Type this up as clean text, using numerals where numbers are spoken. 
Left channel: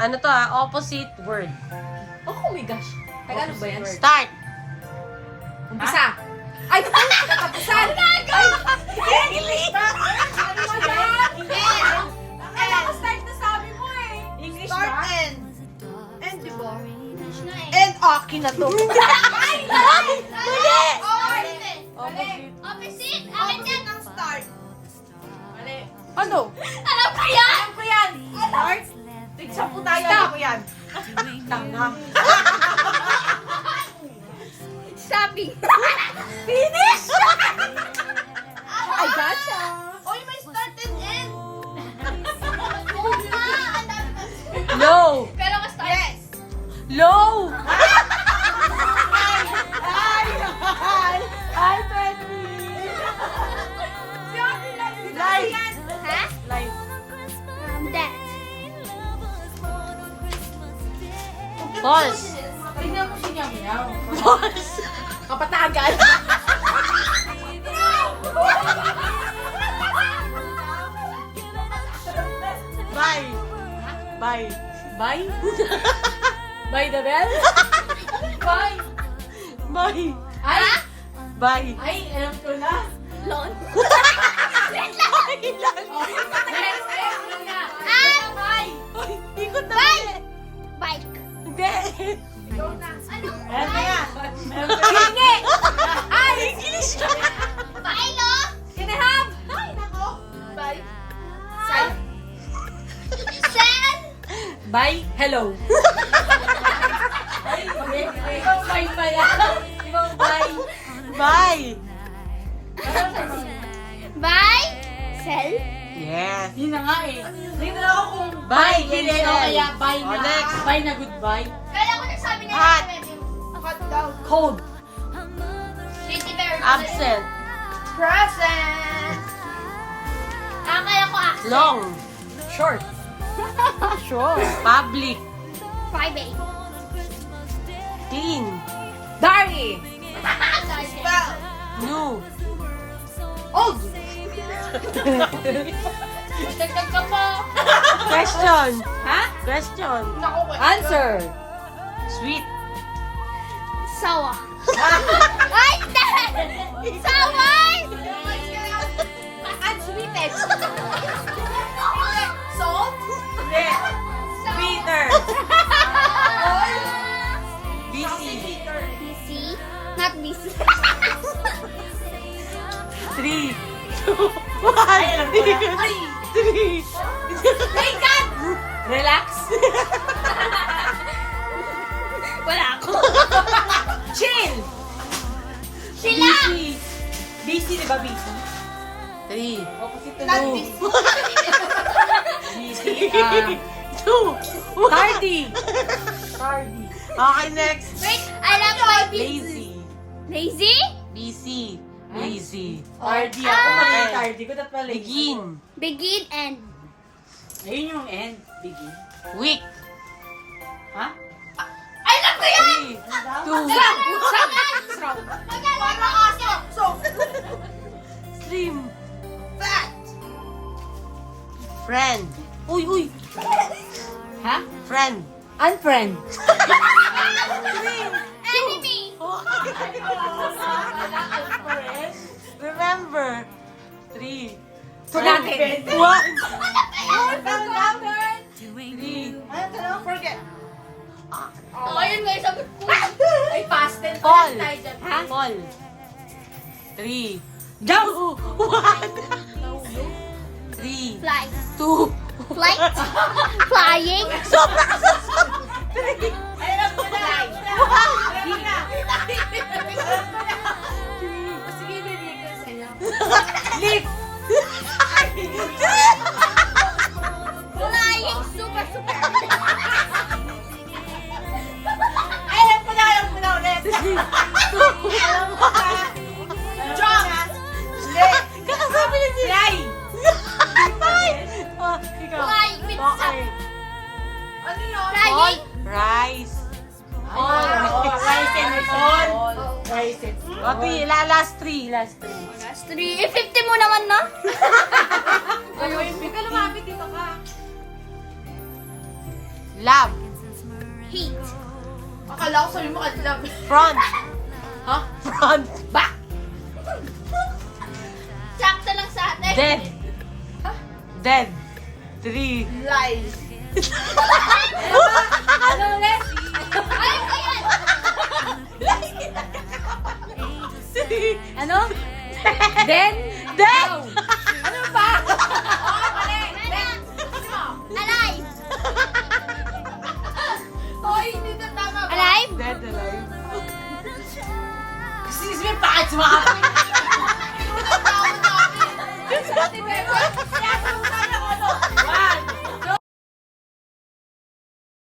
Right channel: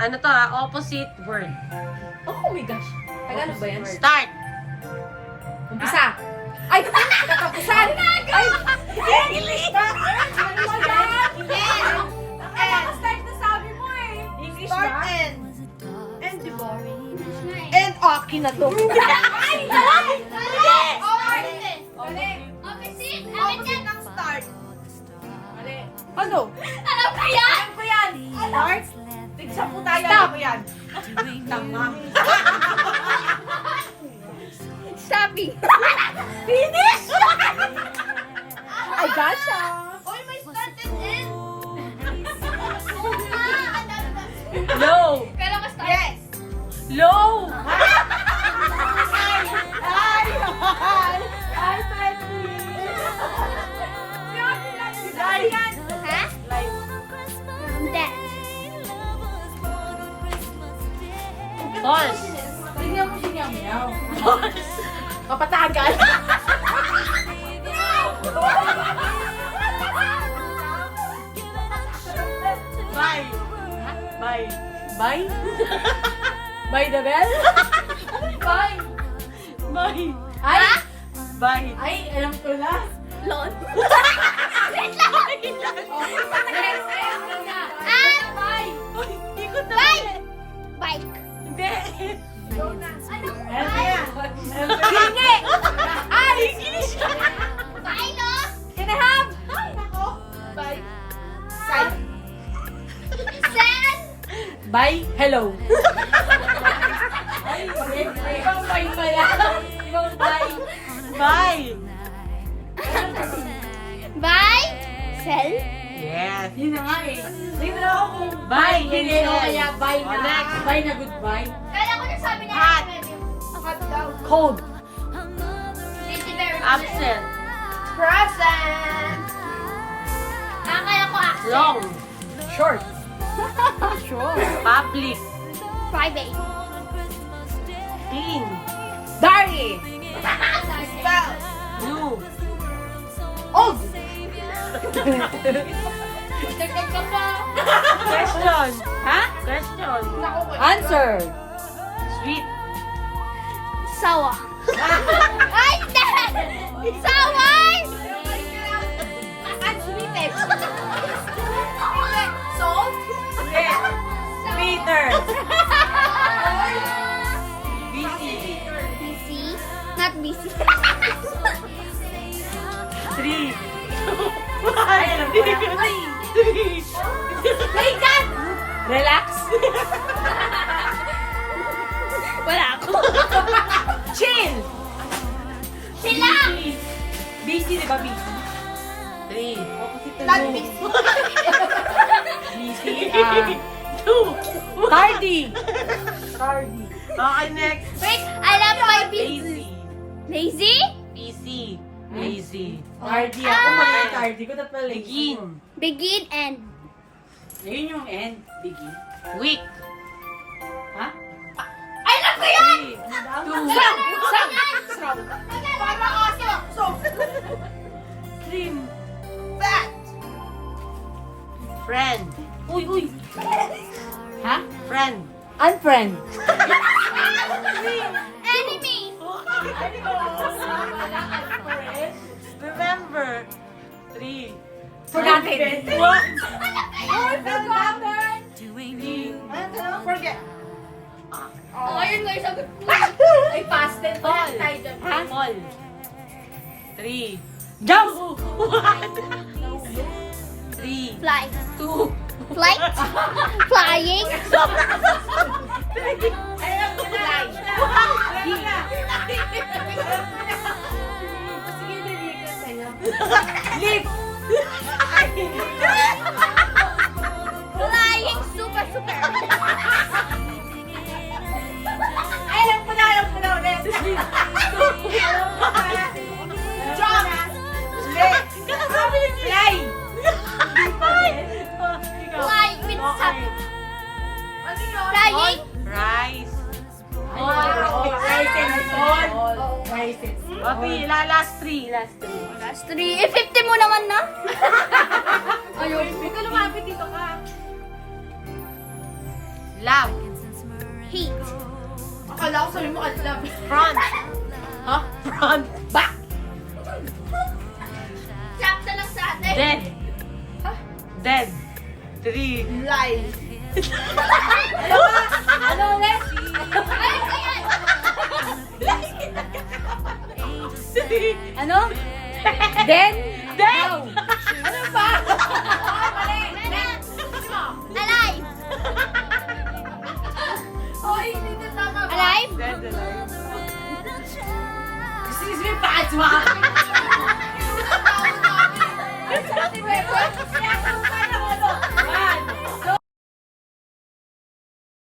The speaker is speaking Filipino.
Ano to opposite word. Oh my gosh. Tagalog ba yan? Start. Umpisa. Ay! Katapusan! Ay! English! Ano ba yan? Start na sabi mo eh. English Start ba? and. And di ba? And akin na to. Ay! Dali! Opposite! Opposite ng start. Dali! Ano? Alam ko yan! Alam ko yan! Start? Tigsa po tayo. Alam ko yan. Tama. Shopping! Finish! I gotcha. Oy, may start and end! Oo nga! Ang dami ba? Low. Pero mas start. Yes. Low. Ay! Ay, Betty! Ha? Hindi. False. Tingnan mo si Nyam Nyam. Kapatagan. Bye. Bye. Bye? Bye the bell? Bye! Bye. Ay! Bye. Ay, alam ko na. Lon. Bye! Bye! Bike. Hindi. Alam ko na. Hingi! Ay! Bye, Lo! Can I have? Ay, nako. Bye. Side. Sen! Bye. Hello. Ay, ibang bye pa yan. Ibang bye. Bye. Bye! Sell? Yes. Yun na nga eh. Hindi na ako kung Bye, hindi o kaya bye na. Next. Bye na goodbye. Kaya ako nagsabi niya Hot. Hot daw. Cold. Thank you very much. Absent. Present. Tama ako accent. Long. Short. Sure. Public. Private. Clean. Dirty. Spell. New. Old. Dagdag ka pa. Question. Ha? Question. Answer. Sweet. Sawa. Ay, hindi! Saway! Unsweeted. Salt. Peter. Busy. Busy? Not busy. 3. 2. 3. Ay, God! Relax. Wala ako. Chill. Sila! Busy, di ba busy? 3. Opposite to Not do. busy. Busy. 2. Tardy. Tardy. Okay, next. Wait, I love my busy. Lazy. Lazy? Busy. Lazy. Tardy. Ako mali yung tardy ko. Dapat pala Begin. Begin and... Ayun yung end. Begin. Week. Ha? I love ko yan! 2. Srow. Parang aso. So. Slim. Fat. Friend. Uy. Ha? Friend. Unfriend. Enemy! Remember. 3. Forgotten. What? Forgotten. 3. Ano? Forget. Oh, ayun nga yung sabi ko. Ay, past tense. All. Tayo dyan. Ha? All. 3. Jump. 3. Fly. 2. Flight? Flying? Alam ko na. Fly. Sige, bibigyan ko sa'yo. Lift. Flying super. Alam ko na ulit. Jump. Lit. Fly. Flying with up. Ano yun? Flying? Rise. Rice and fall. Rice and fall. Okay, last 3. Last 3. Last 3. Eh, 50 mo naman na. Ayaw. Huwag ka lumapit dito ka. Love. Hate. Akala ko sabi mo love. Front. Ha? Front. Back. Sakto lang sa atin. Dead. Dead. 3. Lies. Ano ulit? Ay, ba yan? Ano? Then? Now. Ano pa? Meron. Alive. Hoy, hindi na tama. Alive? Excuse me, bakit sumakit? Sabi ni Bebe?